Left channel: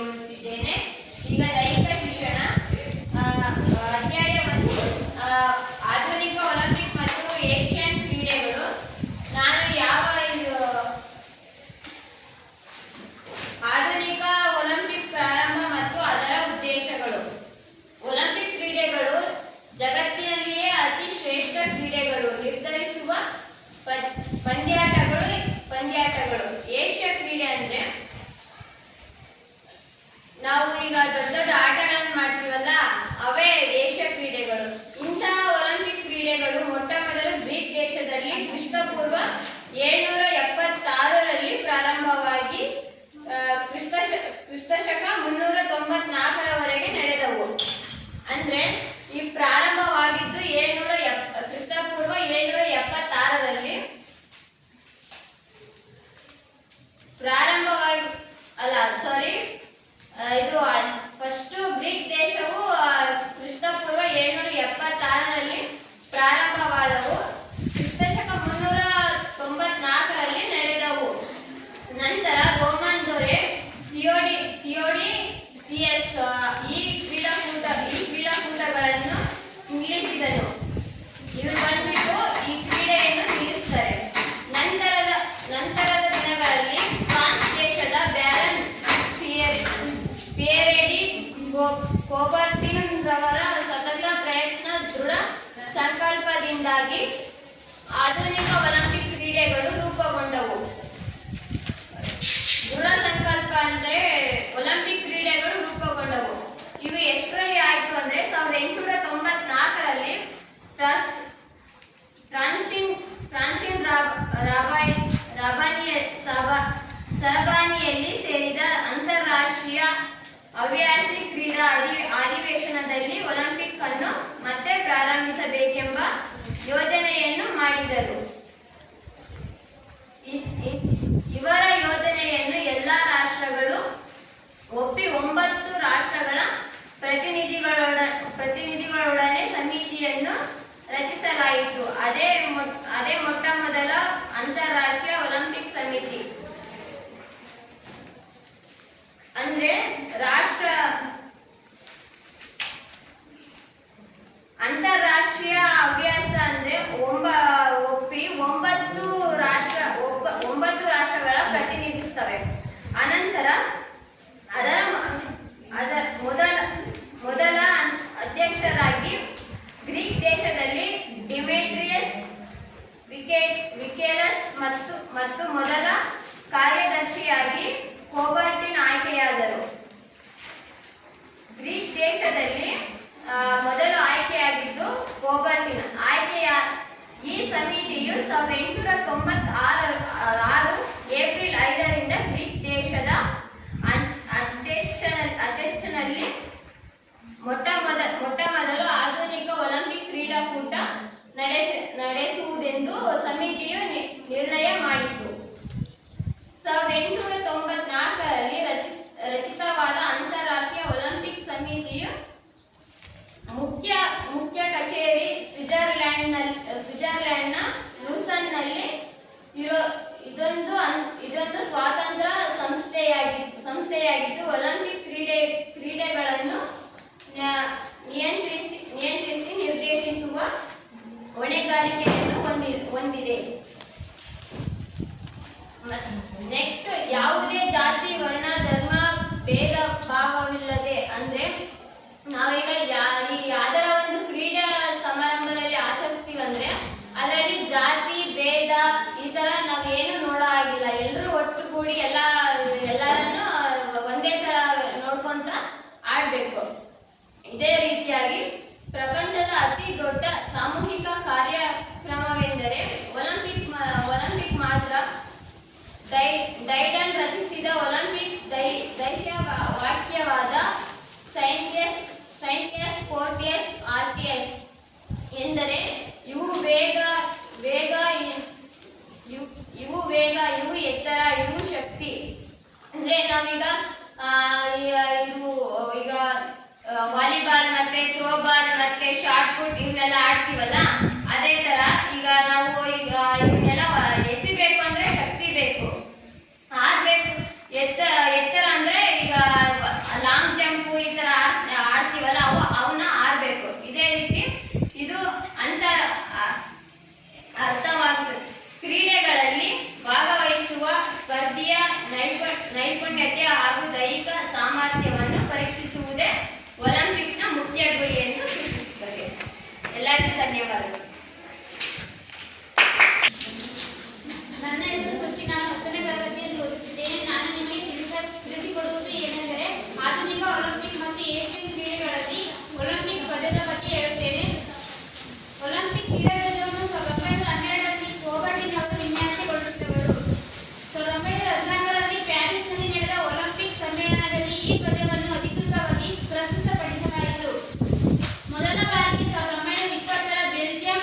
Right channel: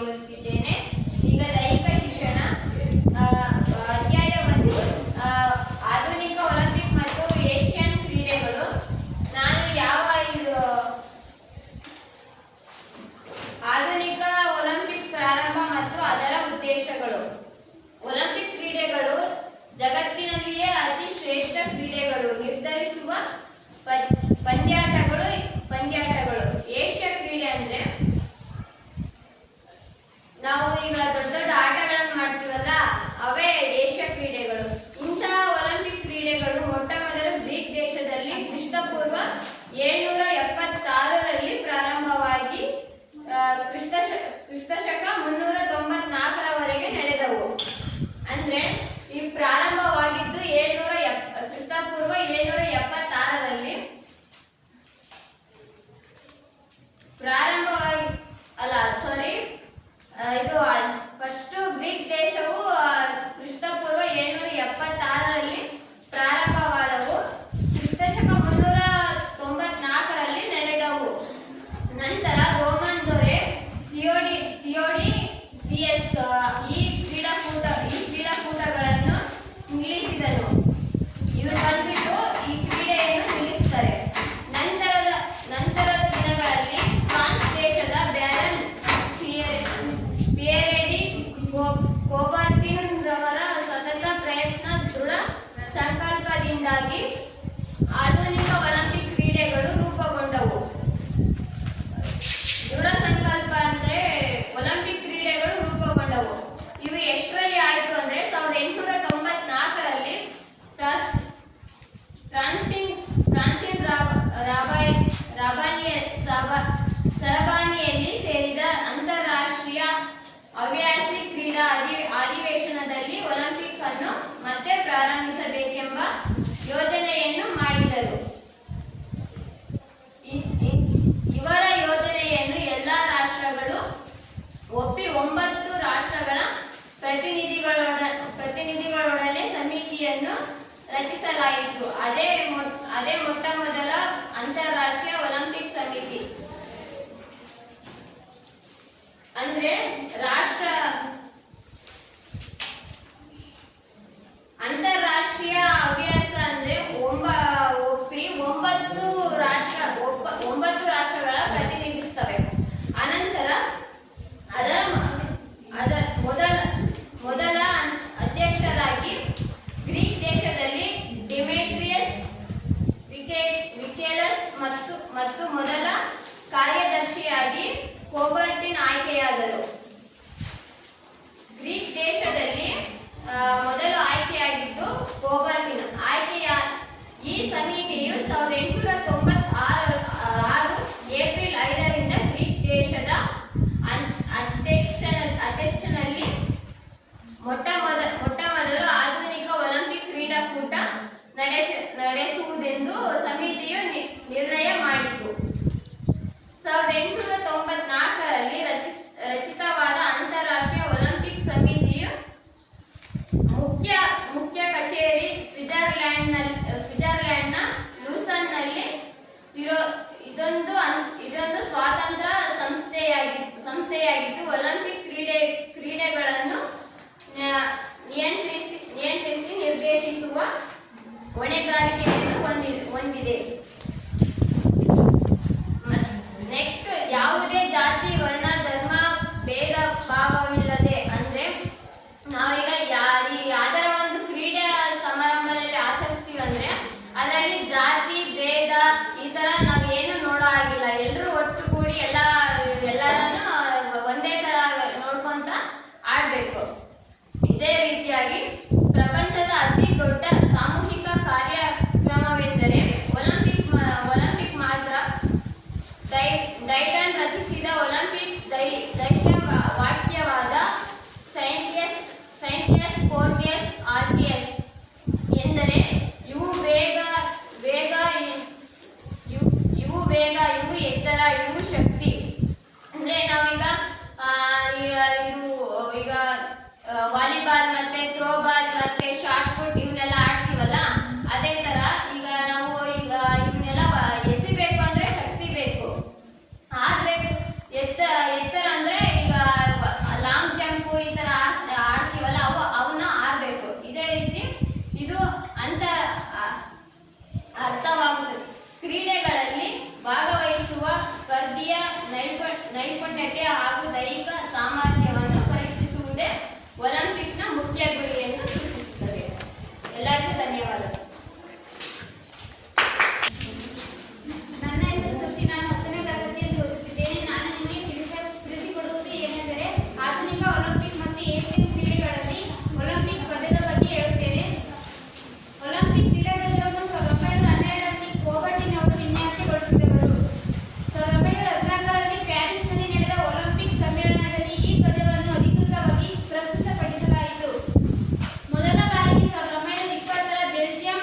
ಓದುತ್ತಿದ್ದೇನೆ. ಈಗ ದೈಹಿಕ ಶಿಕ್ಷಣ ಅಧ್ಯಾಯ 1 ಆಧುನಿಕ ಒಲಿಂಪಿಕ್ ಮತ್ತು ಏಷ್ಯನ್ ಕ್ರೀಡೆಗಳು. ನಾನು ಆಧುನಿಕ ಒಲಿಂಪಿಕ್ಸ್ ಪ್ರಾರಂಭ ಮತ್ತು ಅದರ ಉದ್ದೇಶಗಳು. ಒಲಿಂಪಿಕ್ ಕ್ರೀಡೆಗಳು ಜಗತ್ತಿನಲ್ಲಿಯೇ ಅತಿ ಶ್ರೇಷ್ಠ ಕ್ರೀಡೆಗಳು ನಿರ್ಧರಿಸುವ ಪಂದ್ಯಾಟಗಳು. ಏಷ್ಯಾ ಕ್ರೀಡೆ ಅಂದ್ರೆ ನಾವು ಈಗ ದೊಡ್ಡ ದೊಡ್ಡ ಆಟಗಳನ್ನು ಮಾಡ್ತೀವಲ್ಲ, ಅವೇ ಏಷ್ಯಾ ಕ್ರೀಡೆಗಳು. ಇಂತಹ ಒಲಿಂಪಿಕ್ ಕ್ರೀಡೆಗಳು ಮೊಟ್ಟ ಮೊದಲು ಗ್ರೀಕ್ ದೇಶದಲ್ಲಿ ಕ್ರಿಸ್ತಪೂರ್ವ 776ರಲ್ಲಿ ಪ್ರಾರಂಭವಾಗಿ ಕ್ರಿಸ್ತಶಕ 394ರವರೆಗೆ ನಡೆದವು. ಅಂದ್ರೆ ಈ ಪ್ರಾರಂಭವಾಗಿದ್ದು ಕ್ರಿಸ್ತಪೂರ್ವ 776ರಲ್ಲಿ ಇದು ಫಸ್ಟ್ ಗ್ರೀಕ್ ದೇಶವು ಕ್ರಿಸ್ತಪೂರ್ವ 776ರಲ್ಲಿ ಪ್ರಾರಂಭವಾದವು. ಕ್ರಿಸ್ತಶಕ 394ರಲ್ಲಿ ನಡೆದವು. ನಂತರ ರೋಮನ್ ದೊರೆ ಥಿಯೋಡಿಸಿಯಸ್ ಈ ಕ್ರೀಡಾಕೂಟಗಳನ್ನು ನಿಲ್ಲಿಸಿದನು. ಇವರು ಬಂದ್ಬಿಟ್ಟು ಈ ಕ್ರೀಡೆಯನ್ನು ನಿಲ್ಲಿಸ್ತಾರೆ. ನಂತರದ ದಿನಗಳಲ್ಲಿ ಫ್ರಾನ್ಸ್ ದೇಶದ ಬ್ಯಾರನ್ ಪಿಯರೆ ಡಿ ಕೂಬರ್ಟಿನ್ ರವರ ಸತತ ಪ್ರಯತ್ನ, ದೃಢ ಸಂಕಲ್ಪದಿಂದಾಗಿ ಆಧುನಿಕ ಒಲಿಂಪಿಕ್ ಕ್ರೀಡೆಗಳು ರೂಪುಗೊಂಡವು. ದೃಢ ಸಂಕಲ್ಪ ಅಂದ್ರೆ ಒಲಿಂಪಿಕ್ ಕ್ರೀಡೆಗಳು ರೂಪುಗೊಂಡವು. ಇವು ಎಷ್ಟರಲ್ಲಿ ಆಯಿತು ಅಂದ್ರೆ 1894ರಲ್ಲಿ ಫ್ರಾನ್ಸಿನ್ ಸರಬಾನಿಯಲ್ಲಿ ಸೇರಿದ ಅಂತಾರಾಷ್ಟ್ರೀಯ ಹವ್ಯಾಸಿ ಕ್ರೀಡಾ ಅಧಿವೇಶನದಲ್ಲಿ ಒಲಿಂಪಿಕ್ ಅನ್ನು ಮತ್ತೆ ಪ್ರಾರಂಭಿಸಬೇಕೆಂಬ ಯೋಜನೆಯನ್ನು ಮಾಡಿದರು. ಇವರ ಯೋಜನೆಯನ್ನು ಎಲ್ಲ ರಾಷ್ಟ್ರಗಳು ಒಪ್ಪಿ 9 ರಾಷ್ಟ್ರಗಳ ಪ್ರತಿನಿಧಿಗಳೊಡನೆ ಸಮಿತಿಯನ್ನು ರಚಿಸಲಾಯಿತು. ಅದೇ ಮೊಟ್ಟ ಮೊದಲ ಅಂತಾರಾಷ್ಟ್ರೀಯ ಒಲಿಂಪಿಕ್ ಸಮಿತಿ. ಅಂದ್ರೆ ಅಂತಾರಾಷ್ಟ್ರೀಯ ಹವ್ಯಾಸ ಅಂದ್ರೆ ಒಪ್ಪಿ 9 ರಾಷ್ಟ್ರಗಳ ಪ್ರತಿನಿಧಿಸುತ್ತವೆ. ಅನಂತರ ಅದರ ಮೊದಲ ಅಧ್ಯಕ್ಷರಾಗಿ ಗ್ರೀಕ್ ದೇಶದಲ್ಲಿ ಡಿಮೆಟ್ರಿಯಸ್ ವಿಕೆಲಸ್ ಮತ್ತು ಮೊದಲ ಕಾರ್ಯದರ್ಶಿಯಾಗಿ ಕೂಬರ್ಟಿನ್ ಆಯ್ಕೆಯಾದರು. ಗ್ರೀಕ್ ದೇಶದಲ್ಲಿ ಮೊದಲು ಆಯ್ಕೆಯಾಗಿದ್ದು ಕೂಬರ್ಟಿನ್. ಈ ಸಮಿತಿಯು 1896 ಏಪ್ರಿಲ್ 5ರಿಂದ ಗ್ರೀಕ್ ದೇಶದ ಅಥೆನ್ಸ್ನಲ್ಲಿ ಮೊಟ್ಟ ಮೊದಲು ಆಧುನಿಕ ಒಲಿಂಪಿಕ್ ಕ್ರೀಡಾಕೂಟ ನಡೆಸುವುದೆಂದು ಸಮಿತಿಯು ನಿರ್ಣಯ ಮಾಡಿತು. 1894ರಲ್ಲಿ ರಚಿತವಾದ ಅಂತಾರಾಷ್ಟ್ರೀಯ ಒಲಿಂಪಿಕ್ ಸಮಿತಿಯ ಮುಖ್ಯ ಕಚೇರಿ ಸ್ವಿಟ್ಜರ್ಲೆಂಡ್ನ ಲೂಸನ್ನಲ್ಲಿ ಇದೊಂದು ಸ್ವತಂತ್ರ ಸಂಸ್ಥೆಯಾಗಿದ್ದು ಒಲಿಂಪಿಕ್ ಕ್ರೀಡೆಗಳನ್ನು ನಿಯಂತ್ರಿಸಿ ನಿರ್ದೇಶಿಸುವ ಹೊಣೆಗಾರಿಕೆಯನ್ನು ಹೊಂದಿದೆ. ನೆಕ್ಸ್ಟ್, ಯಾವುದೇ ಜಾತಿ, ವರ್ಣ, ಧರ್ಮ ಭೇದ ಭಾವವಿಲ್ಲದೆ, ಅಂದ್ರೆ ನಾವೀಗ ಯಾವ್ದಾರ ಒಂದು ಕ್ರೀಡೆ ಸಮಾರಂಭದಲ್ಲಿ ಆಚರಿಸ್ತೀವಿ ಅಂದ್ರೆ ಅದರಲ್ಲಿ ಜಾತಿ ಭೇದ ಈ ತರ ನಾವೇನು ನೋಡೋ ಆಗಿಲ್ಲ. ಎಲ್ಲರೂ ಒಟ್ಟುಗೂಡಿ ಎಲ್ಲರನ್ನು ಒಂದೇ ತರ ನೋಡ್ಕೊಂತ ಆಡ್ಬೇಕು. ಇದೇ ರೀತಿಯಾಗಿ ಪ್ರಪಂಚದ ಅತಿ ದೊಡ್ಡ ಸಾಮೂಹಿಕ ಕಾರ್ಯಕ್ರಮವೆಂದರೆ ಒಲಿಂಪಿಕ್ ಮಾತ್ರ. ಡೈಡನ್ ರಚಿಸಿದ ಒಲಿಂಪಿಕ್ ವಾಕ್ಯವಾದ ಸೈಂಟಿಯಸ್ ಫೋರ್ಟಿಯಸ್ ಆರ್ಟಿಯಸ್ ಎಂದರೆ ಇವು ವೇಗ, ಇವು ಎತ್ತರ, ಇವು ಶಕ್ತಿ. ಅಂದ್ರೆ ನಾವೀಗ ಈಗ ವಾಲಿಬಾಲ್ ಮತ್ತೆ ಥ್ರೋಬಾಲ್ ಮತ್ತೆ ಶಾರ್ಟ್ ಪುಟ್ ಇವನ್ನೆಲ್ಲ ಆಡ್ತೀವಲ್ಲ, ಅದೇ ತರ ಈಗ ನಾವು ಇವನ್ನೆಲ್ಲ ಎಸಿಬೇಕು ಅಂದ್ರೆ ಶಕ್ತಿ ಬೇಕು, ಆಡ್ಬೇಕು. ಎತ್ತರ ಅಂದ್ರೆ ಈಗ ನೈಪುಣ್ಯತೆ ಹಾಗೂ ದೈಹಿಕ ಸಾಮರ್ಥ್ಯವನ್ನು ಪರೀಕ್ಷಿಸುವುದೇ ಒಲಿಂಪಿಕ್ನ ಮುಖ್ಯ ಗುರಿ ಎಂದು ಸೂಚಿಸುತ್ತದೆ. ಎಲ್ಲರಿಗೂ ಧನ್ಯವಾದಗಳು. ನನ್ನ ಹೆಸರು ಸೃಷ್ಟಿ. ನಾನು 10ನೇ ತರಗತಿಯಲ್ಲಿ ಓದುತ್ತಿದ್ದೇನೆ. ನಾನು ನಿಮಗೆ ತಿಳಿಸಿಕೊಡುವುದು ಏನೆಂದರೆ ಆಧುನಿಕ ಒಲಿಂಪಿಕ್ ಮತ್ತು ಏಷ್ಯನ್ ಕ್ರೀಡೆಗಳಲ್ಲಿ ಒಲಿಂಪಿಕ್ ಪದದ ಬಗ್ಗೆ ಹೇಳುತ್ತೇನೆ. ಒಲಿಂಪಿಕ್ ಕ್ರೀಡಾಧ್ವಜವನ್ನು 1912ರಲ್ಲಿ ಕೋಬರ್ಟಿನವರು ವಿನ್ಯಾಸಗೊಳಿಸಿದವರು. 1914ರಲ್ಲಿ ಪ್ಯಾರಿಸ್ನಲ್ಲಿ ನಡೆದ ಒಲಿಂಪಿಕ್ ಸಮ್ಮೇಳನದಲ್ಲಿ ಈ ಧ್ವಜವನ್ನು ಅಧಿಕೃತವಾಗಿ ಪ್ರಸ್ತುತಪಡಿಸಲಾಯಿತು. ಮೊದಲ ಬಾರಿಗೆ 1920ರ ಬೆಲ್ಜಿಯಂ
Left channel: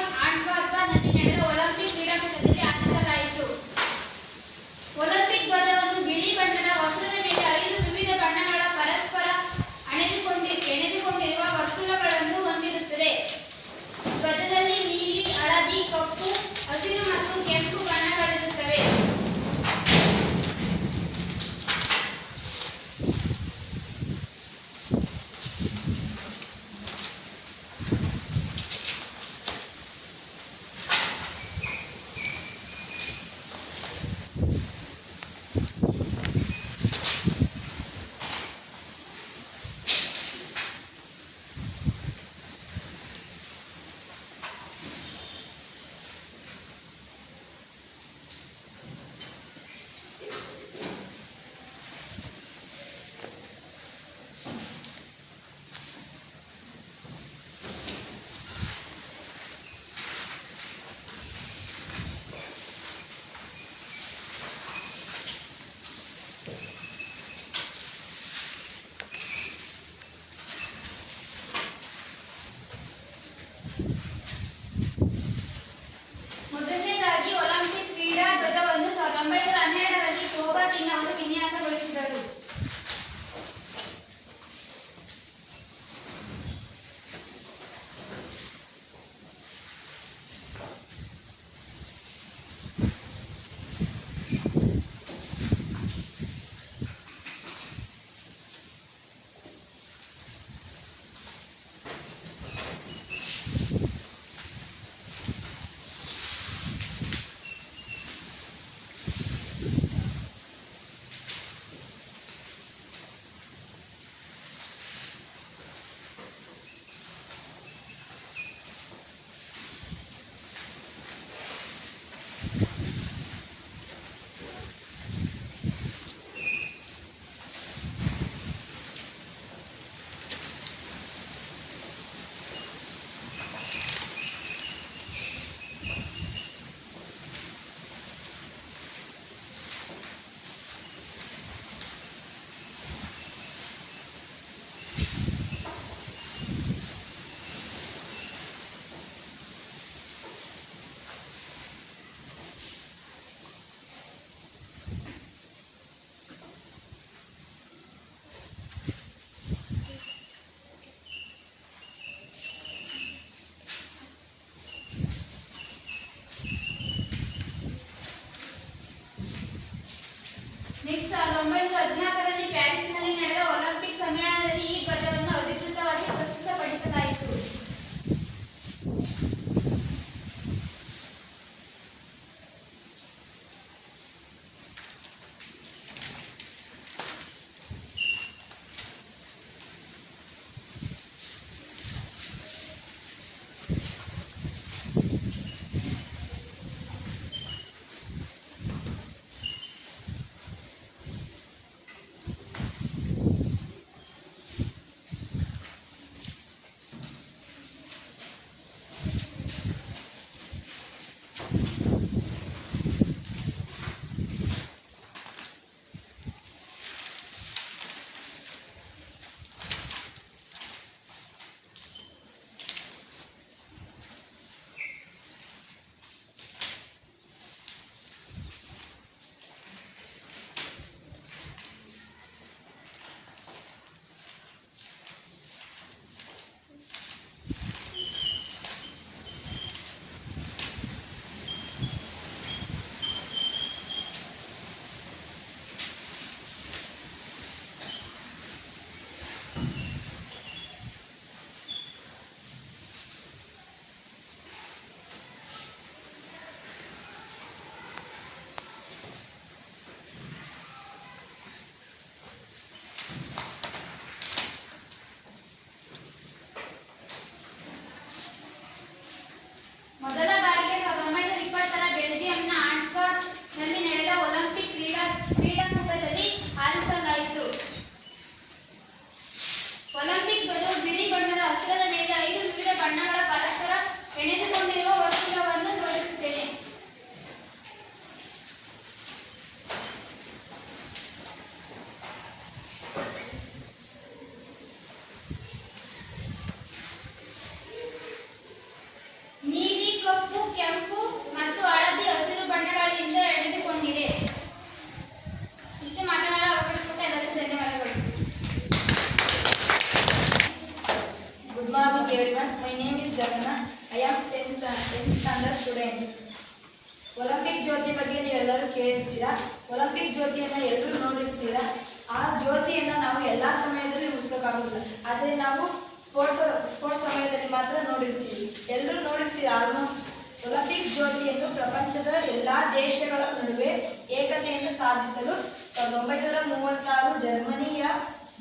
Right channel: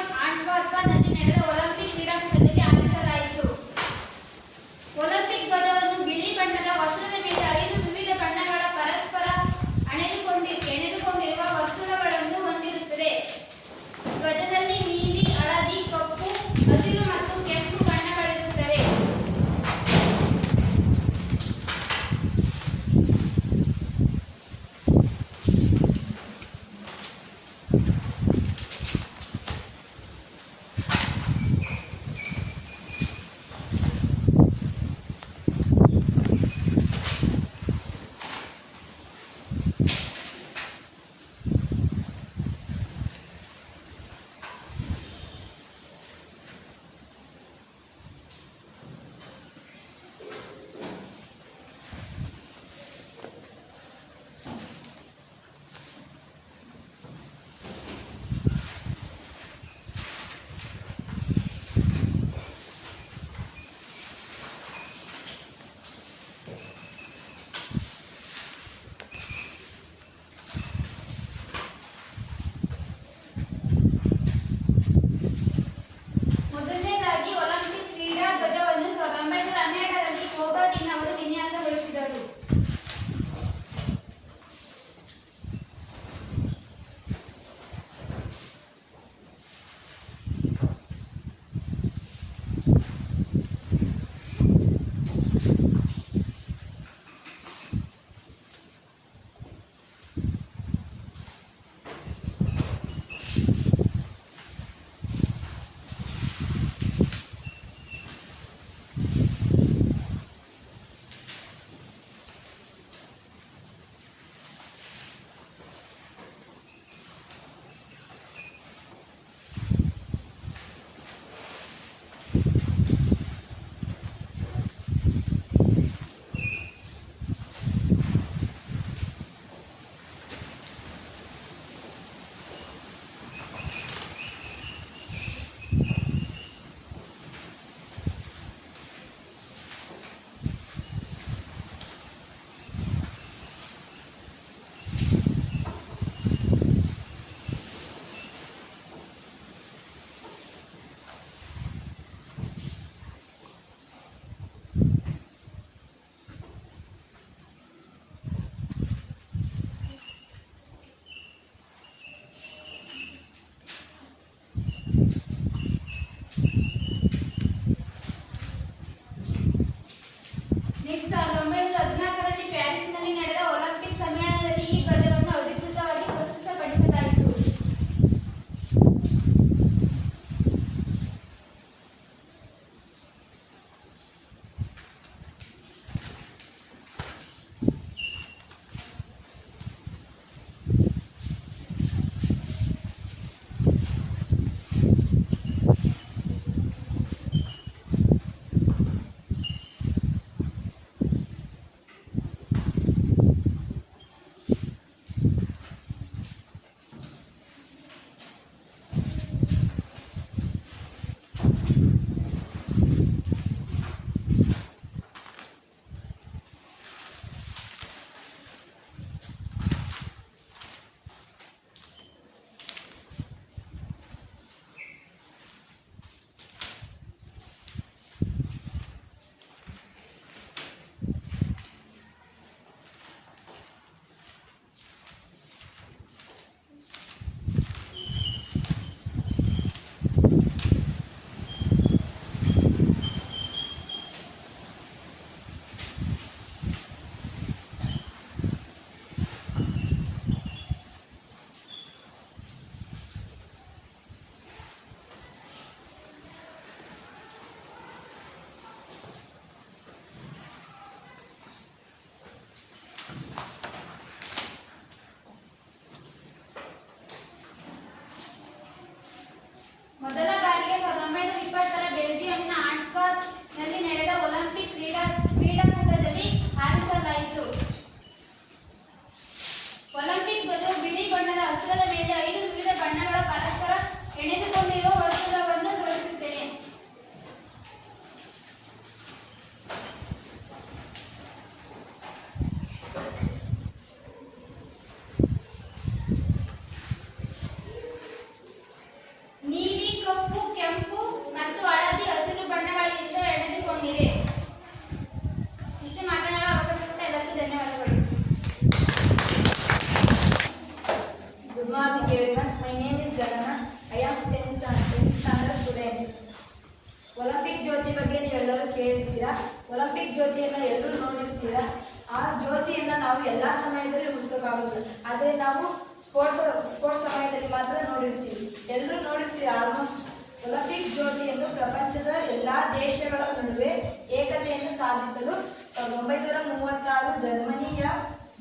ನಾವು ಎಲ್ಲ ಸಮಯದಲ್ಲಿ ಉಳಿಸೋಕ್ಕಾಗೋದಿಲ್ಲ. ಆದರೆ ನಾವು ಸ್ಪೋರ್ಟ್ಸ್ ಸಮಯದಲ್ಲಿ ಮಾತ್ರ ನೋಡಿರ್ತೀವಿ. ಎಲ್ಲರೂ ನೋಡಿರ್ತೀವಿ ಆಲ್ಮೋಸ್ಟ್. ಒಲಿಂಪಿಕ್ ಜ್ಯೋತಿಯನ್ನು ಪ್ರಪಂಚದ ಎಲ್ಲ ದೇಶಗಳ ನಡುವೆ ಏಕತೆಯನ್ನು ಸಾಧಿಸಲು 1936 ಜರ್ಮನಿಯ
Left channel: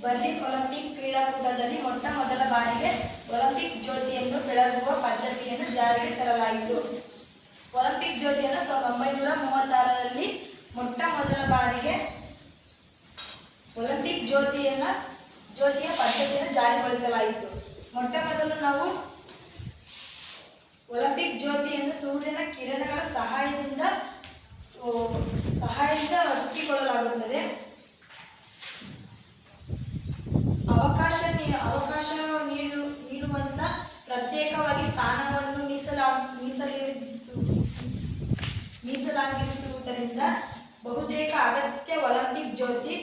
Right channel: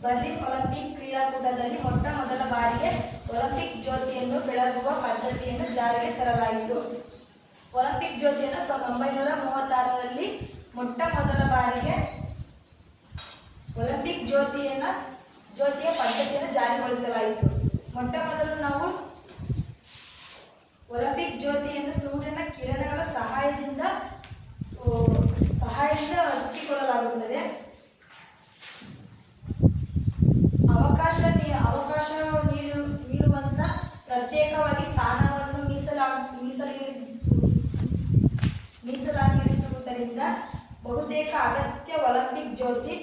ಬರ್ಲಿನ್ ಒಲಿಂಪಿಕ್ ಕ್ರೀಡಾಕೂಟದಲ್ಲಿ ಮೊಟ್ಟ ಮೊದಲ ಬಾರಿಗೆ ಒಲಿಂಪಿಕ್ ಜ್ಯೋತಿಯನ್ನು ಬೆಳಗುವ ಪದ್ಧತಿಯನ್ನು ಜಾರಿಗೆ ತರಲಾಯಿತು. ಒಲಿಂಪಿಕ್ ಜ್ಯೋತಿಯನ್ನು 1936ರಲ್ಲಿ ಮೊಟ್ಟ ಮೊದಲ ಬಾರಿಗೆ ಒಲಿಂಪಿಕ್ ಜ್ಯೋತಿಯ ಪದ್ಧತಿಯನ್ನು ಜಾರಿಗೊಳಿಸಲಾಯಿತು. ಮೊಟ್ಟ ಮೊದಲು ನಾವು ಒಲಿಂಪಿಕ್ ಜ್ಯೋತಿಯನ್ನು ಸೂರ್ಯನ ಕಿರಣಗಳ ಸಹಾಯದಿಂದ ಹಚ್ಚಿಕೊಳ್ಳಲಾಗುತ್ತದೆ. ಅವಕಾಶ ನೀಡುವಂತ ಪ್ರತ್ಯೇಕವಾಗಿ ಸ್ಥಾನವನ್ನು ಮೀಸಲಾಗಿರಿಸುವುದರಿಂದ ಬಹುತೇಕ ಅಗತ್ಯ ಒಲಿಂಪಿಕ್ ಜ್ಯೋತಿ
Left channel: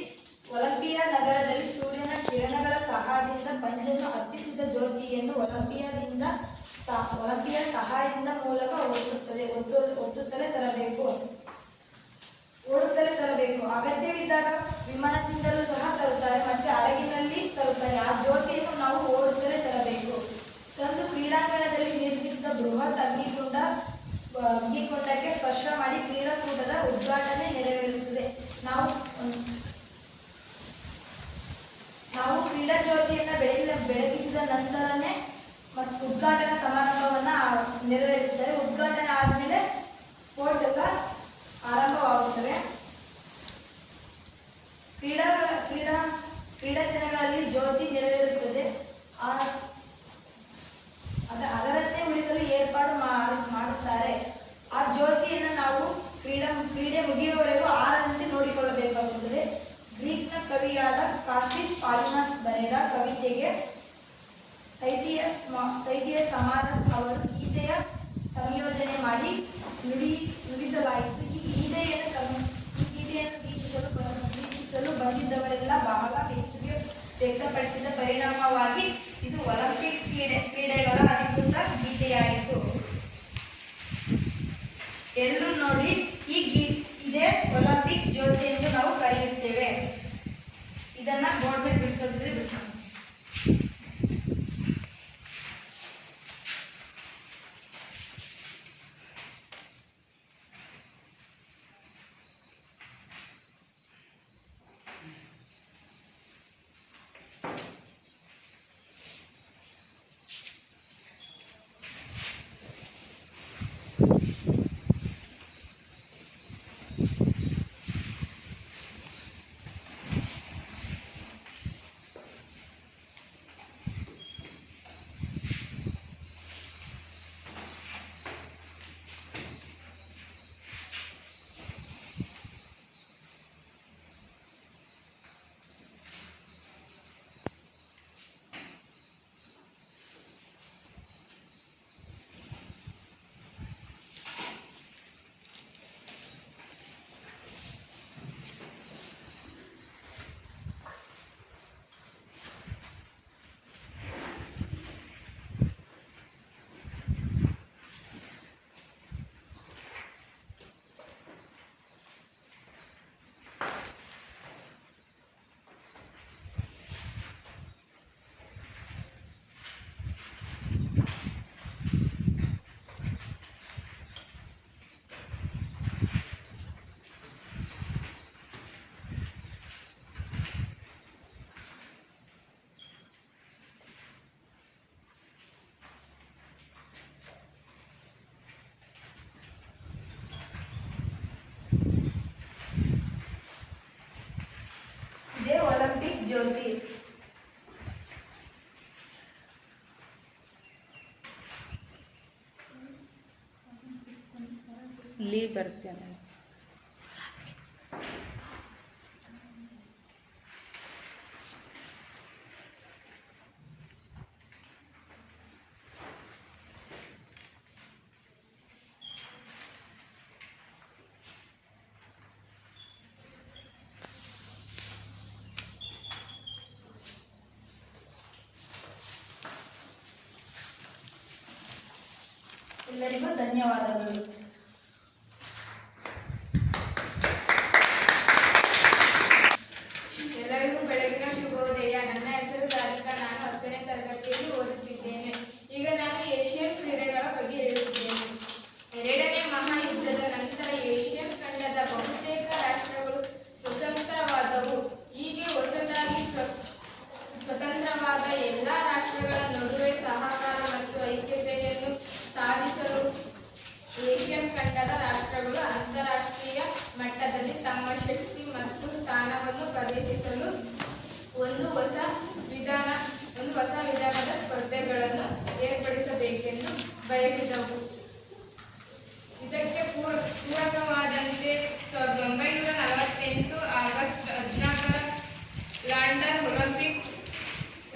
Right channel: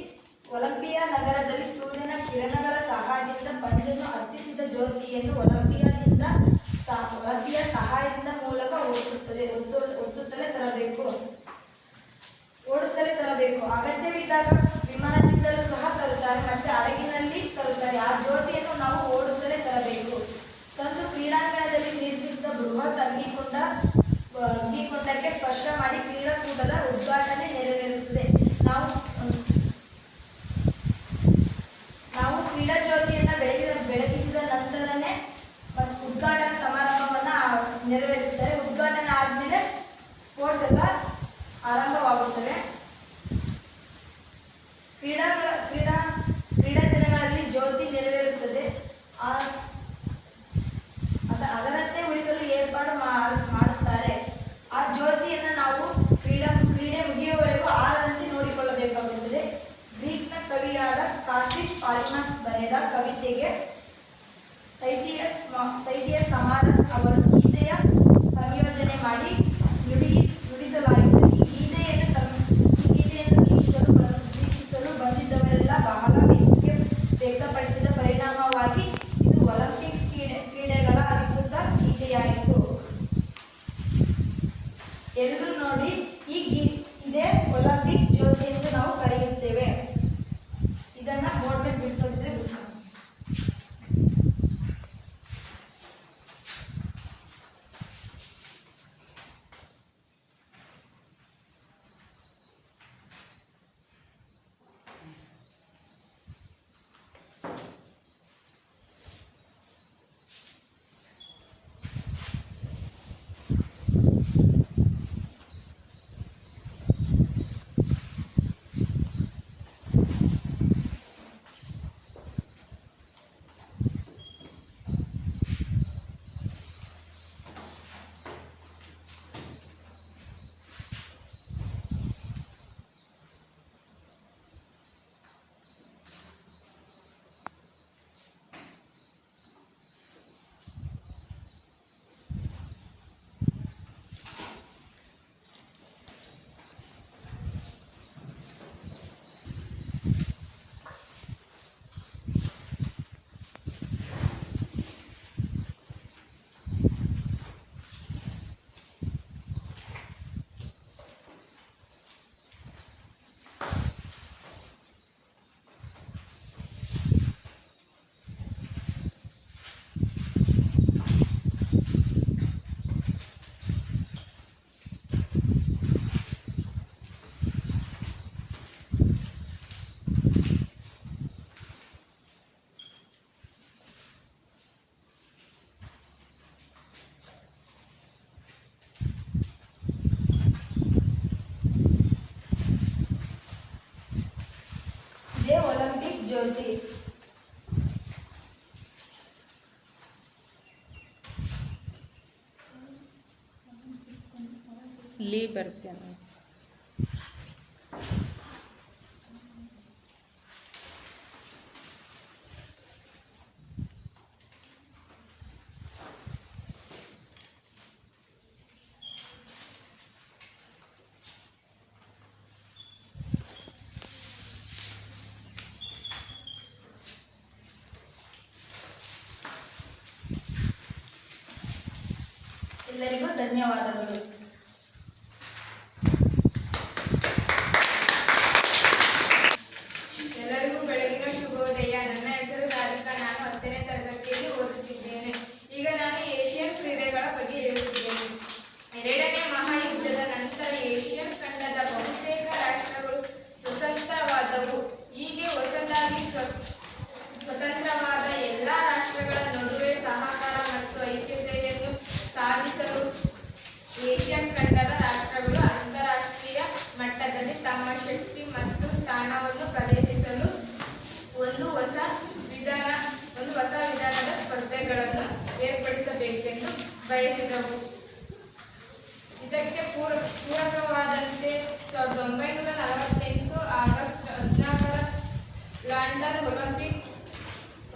ಒಲಿಂಪಿಯಾ ನಗರದಲ್ಲಿ ಸೂರ್ಯನ ಕಿರಣಗಳ ಸಹಾಯದಿಂದ ಪಂಜನ್ನು ಹತ್ತಿಸಿದ ಜ್ಯೋತಿಯನ್ನು ಒಲಿಂಪಿಯಾ ಸಹಾಯದಿಂದ ಮೂಲಕ ಓಡುತ್ತಲೇ ತರಬೇಕು. ಅಗತ್ಯವಿದ್ದಾಗ ವಿಮಾನದಿಂದಲೂ ಸಹ ತರುತ್ತಾರೆ, ಮತ್ತೆ ಹಡಗಿನಲ್ಲಿ ತರುತ್ತಾರೆ. ಆ ಜ್ಯೋತಿಯನ್ನು ನಾವು ಓಡುತ್ತಲೇ ತರಬೇಕು. ತಂದು ಕ್ರೀಡಾಂಗಣದಲ್ಲಿ ನಿರ್ಮಿಸಿದ ಬೃಹತ್ ಅಗ್ನಿಕುಂಡಕ್ಕೆ ಸ್ಪರ್ಶ ಮಾಡಿ ಕ್ರೀಡಾಕೂಟದ ಉದ್ಘಾಟನೆ ನೆರವೇರುತ್ತದೆ. ನಾವು ಕ್ರೀಡಾ ಜ್ಯೋತಿಯನ್ನು ಬೆಳಗಿಸಿದ ನಂತರನೇ ಮತ್ತು ಉದ್ಘಾಟನಾ ಸಮಾರಂಭವನ್ನು ನೆರವೇರಿಸುತ್ತಾರೆ. ಉದ್ಘಾಟನೆ ಆದಮೇಲೆ ಸ್ಪೋರ್ಟ್ಸ್ ಎಲ್ಲ ಆರಂಭವಾಗುತ್ತವೆ. ಕ್ರೀಡಾ ದಿನಗಳಲ್ಲಿ ಜ್ಯೋತಿ ನೆರವೇರುತ್ತದೆ. ಅದರಂತೆ ಉಳಿಸಲು ಏರ್ಪಾಡು ಮಾಡುತ್ತಾರೆ. ಆ ಜ್ಯೋತಿಯನ್ನು ನಾವು ಕ್ರೀಡೆ ಮುಗಿಯುವವರೆಗೂ ಆರದಂತೆ ನೋಡಿಕೊಳ್ಳಬೇಕಾಗುತ್ತದೆ. ಗ್ರೀಕ್ನ ಕವಿಯಾದ ಕಾಸ್ಟಿಸ್ ಪಾಲಿಮಸ್ ಬರೆದ ಕವಿತೆಗೆ ಸೈಟಿಯಸ್ ಸಮಾರಸ್ ಅವರು ಗೀತೆಯ ಸಂಯೋಜನೆ ಮಾಡಿ ನುಡಿಸಲಾಯಿತು. ಈ ಗೀತೆಯನ್ನು ವೀಕ್ಷಿಸಲು ಬಂದಿದ್ದವರೆಲ್ಲ ಬಹಳ ಮೆಚ್ಚುಗೆ ವ್ಯಕ್ತಪಡಿಸಿದ ಪರಿಣಾಮವಾಗಿ ಇದು ಒಲಿಂಪಿಕ್ಸ್ ಕ್ರೀಡೆಗಳ ಅಧಿಕೃತ ಗೀತೆಯಾಯಿತು. ಎಲ್ಲರೂ ನೋಡಿ, ಇದೇ ಒಲಿಂಪಿಕ್ ಜ್ಯೋತಿ ಎಂದು ನಾವು ಕರೆಯುತ್ತೇವೆ. ಇದನ್ನ ಬೋರ್ಡ್ ಮೇಲೆ ಬಿಡಿಸೋದಿದ್ರೆ ಬಿಡಿಸೋಣ. ಒಲಿಂಪಿಕ್ ಜ್ಯೋತಿ ಇಲ್ಲಿ ಬರ್ತೇನೆ. ಎಲ್ಲರಿಗೂ ಧನ್ಯವಾದಗಳು. ಎಲ್ಲರಿಗೂ ಬೆಳಗಿನ ಶುಭೋದಯ. ಲಂಡನ್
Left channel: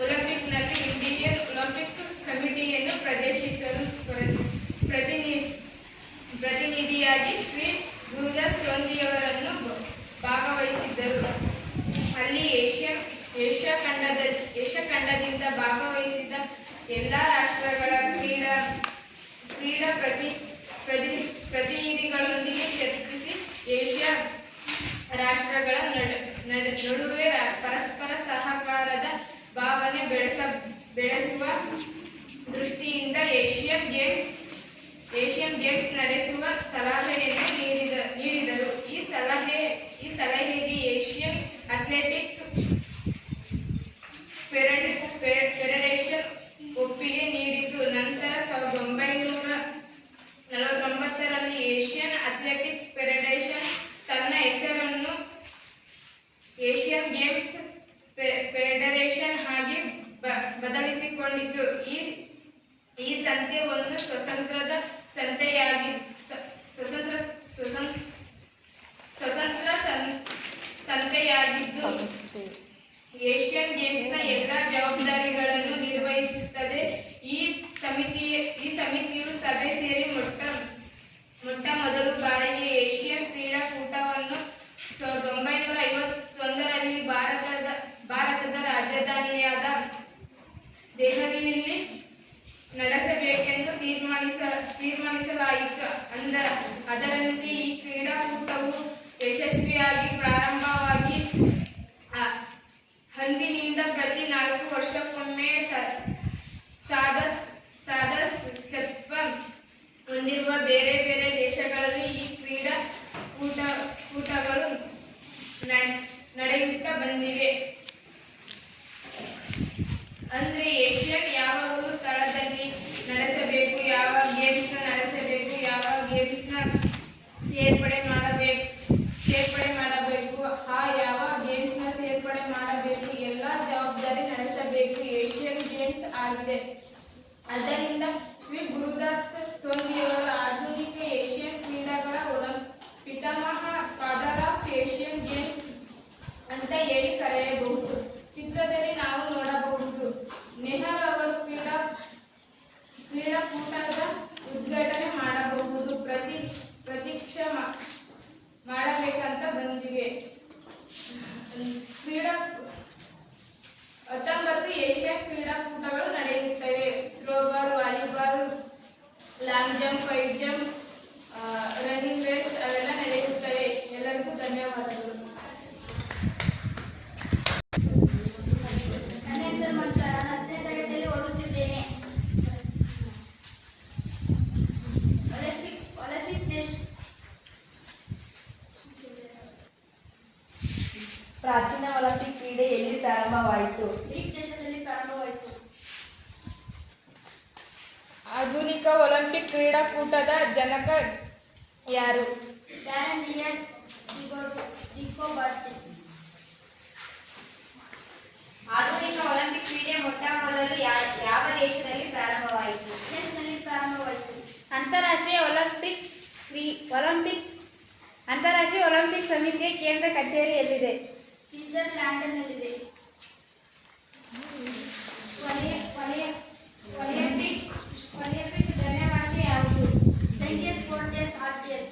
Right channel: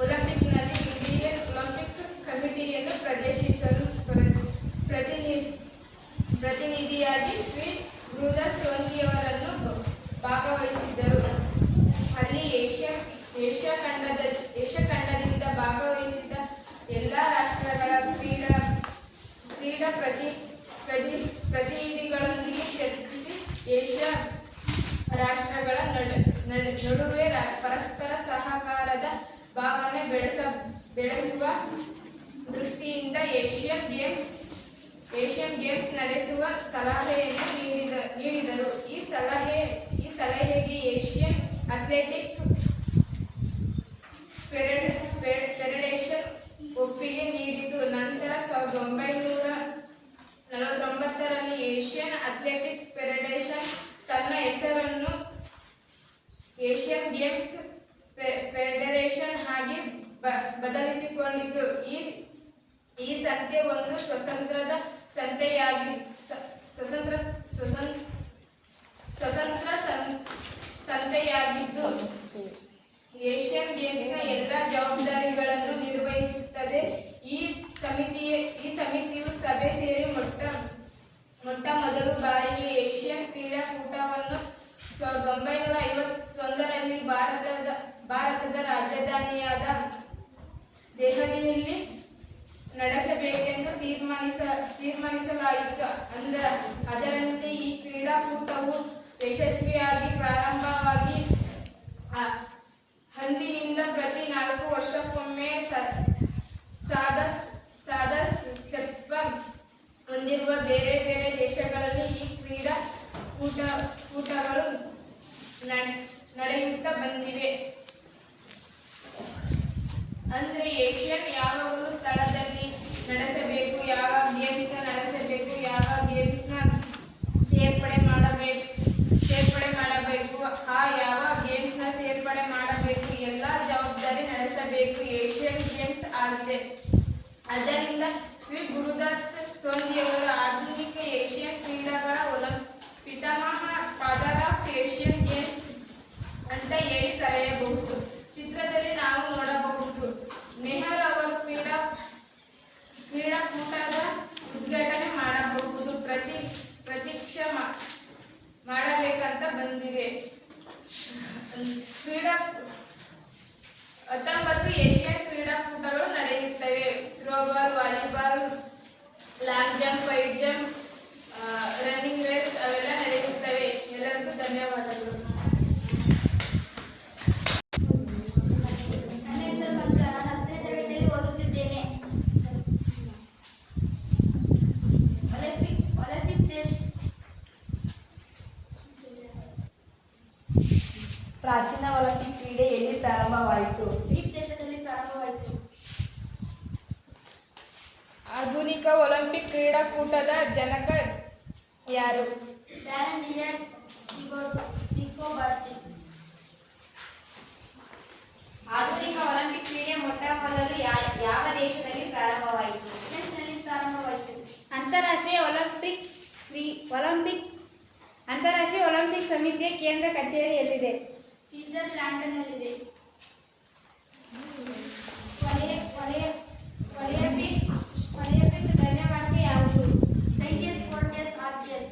ಒಲಿಂಪಿಕ್ನಲ್ಲಿ ಇಂಡಿಯನ್ ಒಲಿಂಪಿಕ್ ಕಮಿಟಿಯನ್ನು ಪ್ರದೇಶಿಸಲು ಪ್ರತಿನಿಧಿಯಾಗಿ ಶ್ರೀ ಗುರುದಾಸ್ ಸೋಂದಿಯವರನ್ನು ಭಾಗವಹಿಸಿದ್ದರು. ಅಲ್ಲಿ ಏಷ್ಯಾ ಖಂಡದಿಂದ ಭಾಗವಹಿಸಿದ ಎಲ್ಲ ರಾಷ್ಟ್ರಗಳ ಕ್ರೀಡಾ ಪ್ರತಿನಿಧಿಗಳೊಂದಿಗೆ ಚರ್ಚಿಸಿ ಏಷ್ಯಾ ರಾಷ್ಟ್ರಗಳ ನಡುವೆ ಪರಸ್ಪರ ಸಹಕಾರದ ಭಾವನೆ ಬೆಳೆಸುವ ದೃಷ್ಟಿಯಿಂದ ಏಷ್ಯನ್ ಗೇಮ್ಸ್ ನಡೆಸುವ ಸಲಹೆಯನ್ನು ನೀಡಿದರು. ಈ ಸಲಹೆಗೆ ಏಷ್ಯನ್ ಅಥ್ಲೆಟಿಕ್ ಫೆಡರೇಷನ್ ಒಪ್ಪಿಗೆ ನೀಡಿತು. ನಂತರ 1949ರಲ್ಲಿ ಏಷ್ಯನ್ ಅಥ್ಲೆಟಿಕ್ ಫೆಡರೇಷನ್ ತನ್ನ ಹೆಸರನ್ನು ಏಷ್ಯನ್ ಗೇಮ್ಸ್ ಫೆಡರೇಷನ್ ಆಗಿ ಬದಲಿಸಿಕೊಂಡಿತು. ಈ ಸಂಸ್ಥೆ ಒಂದು ಸ್ವತಂತ್ರ ಸಂಸ್ಥೆಯಾಗಿದ್ದು ಏಷ್ಯನ್ ಗೇಮ್ಸ್ನ ಎಲ್ಲ ಜವಾಬ್ದಾರಿಗಳನ್ನು ನಿರ್ವಹಿಸುತ್ತದೆ. ಈ ಸಮಿತಿಯು ಸಭೆ ಸೇರಿ ಮೊಟ್ಟ ಮೊದಲ ಬಾರಿಗೆ ಏಷ್ಯನ್ ಕ್ರೀಡಾಕೂಟವನ್ನು 1951ರಲ್ಲಿ ಭಾರತದ ರಾಜಧಾನಿಯಾದ ದೆಹಲಿಯಲ್ಲಿ ನಡೆಸಬೇಕೆಂದು ತೀರ್ಮಾನಿಸಲಾಯಿತು. ಅದರಂತೆ ಈ ಕ್ರೀಡಾಕೂಟವು ಯಶಸ್ವಿಯಾಗಿ ಪ್ರಾರಂಭವಾಗಿ ಅಂದಿನಿಂದ ಪ್ರತಿ 4 ವರ್ಷಕ್ಕೊಮ್ಮೆ ಸದಸ್ಯತ್ವ ಹೊಂದಿರುವ ಬೇರೆ ಬೇರೆ ದೇಶಗಳಲ್ಲಿ ಈ ಕ್ರೀಡಾಕೂಟಗಳು ನಡೆಯುತ್ತಾ ಬಂದಿವೆ. ಅಂದ್ರೆ ಏಷ್ಯನ್ ಯಾವ ಸ್ಥಳದಲ್ಲಿ ನಡೆಸಬೇಕು, ಯಾವ ಗೇಮ್ಸ್ನ ನಡೆಸಬೇಕು, ಯಾವ ಗೇಮ್ಸ್ನ ಸೇರ್ಪಡೆ ಮಾಡಬೇಕು, ಯಾವ ಗೇಮ್ಸ್ನ ಸೇರ್ಪಡೆ ಮಾಡಬೇಕು, ಎಲ್ಲ ಜವಾಬ್ದಾರಿ ನಡೆಸಬೇಕು ಏಷ್ಯನ್ ಗೇಮ್ಸ್ ಆಗಿದೆ. ಆದ್ದರಿಂದ ಶ್ರೀ ಗುರುದತ್ ಸೋಂದಿಯವರು ಆಧುನಿಕ ಏಷ್ಯನ್ ಕ್ರೀಡೆಗಳ ಪಿತಾಮಹ ಫಾದರ್ ಆಫ್ ಏಷ್ಯನ್ ಗೇಮ್ಸ್ ಅಂತ ಹೇಳಿ ಕರೆಯಬಹುದು. ಚಿತ್ರದಲ್ಲಿ ನಾವು ನೋಡಬಹುದು ನೆಹರು ಅವರು ಕ್ರೀಡಾಕೂಟದ ಉದ್ಘಾಟನೆ ಮಾಡಬಹುದು ಪ್ರತೀಕ್ಷೆ ಮಾಡಬೇಕಂತ ಬಂದಿವೆ. 19 ಏಷ್ಯನ್ ಕ್ರೀಡಾಕೂಟಗಳು ನಡೆಯುತ್ತವೆ. Throwball, volleyball, long jump, wide jump, running race ಅವೆಲ್ಲ ನಡೆಯುತ್ತವೆ. ಎಲ್ಲರಿಗೂ ಧನ್ಯವಾದಗಳು. ನನ್ನ ಹೆಸರು ಮಂಜುಳಾ. ನಾನು 10ನೇ ತರಗತಿಯಲ್ಲಿ ಓದುತ್ತಿದ್ದೇನೆ. ಒಲಿಂಪಿಕ್ ದೇಶ ಪ್ರಾಚೀನ ಒಲಿಂಪಿಕ್ ಕ್ರೀಡೆ ಎಲ್ಲಿ ಪ್ರಾರಂಭವಾಯಿತು? ಗ್ರೀಕ್ ದೇಶದಲ್ಲಿ ಪ್ರಾರಂಭವಾಯಿತು. ಆಧುನಿಕ ಒಲಿಂಪಿಕ್ ಕ್ರೀಡಾಕೂಟದ ಜನಕ ಯಾರು? ಡ್ಯಾನಿಯಲ್ ಡಿಕೋಬರ್ಟಿ. ಆಧುನಿಕ ಒಲಿಂಪಿಕ್ ಕ್ರೀಡೆ ಮೊಟ್ಟ ಮೊದಲು ಯಾವ ದೇಶದಲ್ಲಿ ಪ್ರಾರಂಭವಾಯಿತು? ಯುಎಸ್ನಲ್ಲಿ ಪ್ರಾರಂಭವಾಯಿತು. ಅಂತಾರಾಷ್ಟ್ರೀಯ ಒಲಿಂಪಿಕ್ ಸಮಿತಿಯ ಕೇಂದ್ರ ಕಚೇರಿ ಎಲ್ಲಿದೆ? ಸ್ವಿಟ್ಜರ್ಲ್ಯಾಂಡ್ನಲ್ಲಿದೆ. ಒಲಿಂಪಿಕ್ ಧನ್ಯವಾದ ಯಾವುದು? ಸೈಂಟಿಯಸ್, ಸ್ಪೋರ್ಟಿಯಸ್, ಆರ್ಟಿಯಸ್.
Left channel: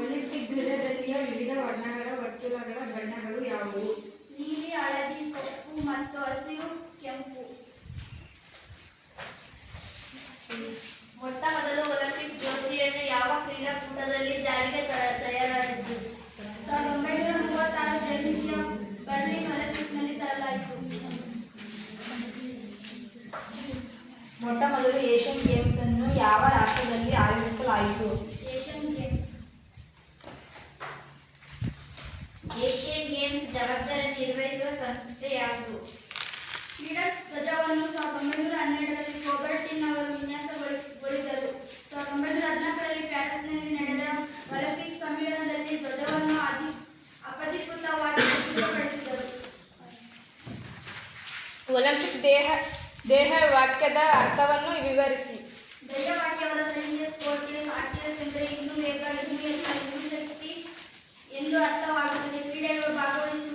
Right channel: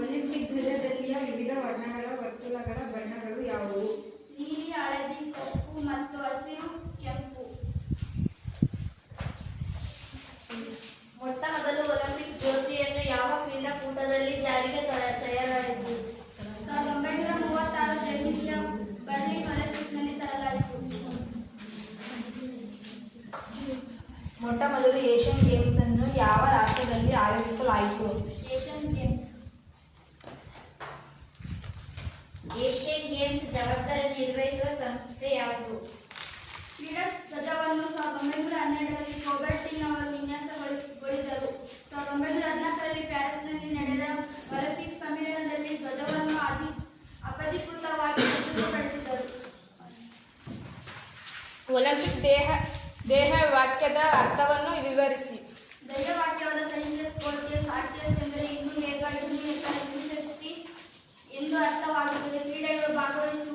ಒಲಿಂಪಿಕ್ ಧ್ವಜದಲ್ಲಿಯ ವಿವಿಧ ವರ್ಣಗಳ ವರ್ತುಲಗಳ ಬಣ್ಣಗಳು ಯಾವುವು? ನೀಲಿ, ಹಳದಿ, ಕಪ್ಪು ಮತ್ತು ಹಸಿರು, ಕೆಂಪು. ಮೊಟ್ಟ ಮೊದಲು ಒಲಿಂಪಿಕ್ ಜ್ಯೋತಿಯನ್ನು ಯಾವ ಕ್ರೀಡಾಕೂಟದಲ್ಲಿ ಜಾರಿಗೆ ತರಲಾಗಿದ್ದು? 1936 ಜರ್ಮನಿಯ ಬರ್ಲಿನ್ ಒಲಿಂಪಿಕ್ನಲ್ಲಿ ತರಲಾಯಿತು. ಮೊಟ್ಟ ಮೊದಲು ಏಷ್ಯನ್ ಗೇಮ್ಸ್ ಅನ್ನು ಯಾವ ರಾಷ್ಟ್ರದಲ್ಲಿ ಆಯೋಜಿಸಲಾಯಿತು? Asian games. ಏಷ್ಯನ್ ಗೇಮ್ಸ್ ಜವಾಬ್ದಾರಿ ನಿರ್ವಹಿಸುವ ಸಂಸ್ಥೆ ಯಾವುದು? ಕ್ರೀಡಾ ಧ್ವಜವನ್ನು 1912ರಲ್ಲಿ ಕೋಬರ್ಟಿನ್ ಅವರು ವಿನ್ಯಾಸಗೊಳಿಸಿದರು. 1914ರಲ್ಲಿ ಪ್ಯಾರಿಸ್ನಲ್ಲಿ ನಡೆದ ಒಲಿಂಪಿಕ್ ಸಮ್ಮೇಳನದಲ್ಲಿ ಧ್ವಜವನ್ನು ಅಧಿಕೃತವಾಗಿ ಪ್ರಸ್ತುತಪಡಿಸಿದರು. ಒಲಿಂಪಿಕ್ ದೇಹ ವಾಕ್ಯದ ಅರ್ಥವನ್ನು ವಿವರಿಸಿ. ಧ್ಯೇಯವಾಕ್ಯವಾದ ಸೈಂಟಿಯಸ್, ಸ್ಪೋರ್ಟಿಯಸ್, ಆರ್ಟಿಯಸ್ ಎಂದರೆ ಇನ್ನೂ ವೇಗ, ಇನ್ನೂ ಎತ್ತರ, ಇನ್ನೂ ಶಕ್ತಿ ಎಂದು ಅರ್ಥವಾಗುತ್ತದೆ. ಕ್ರೀಡೆಗಳು ಭಾಗವಹಿಸುವ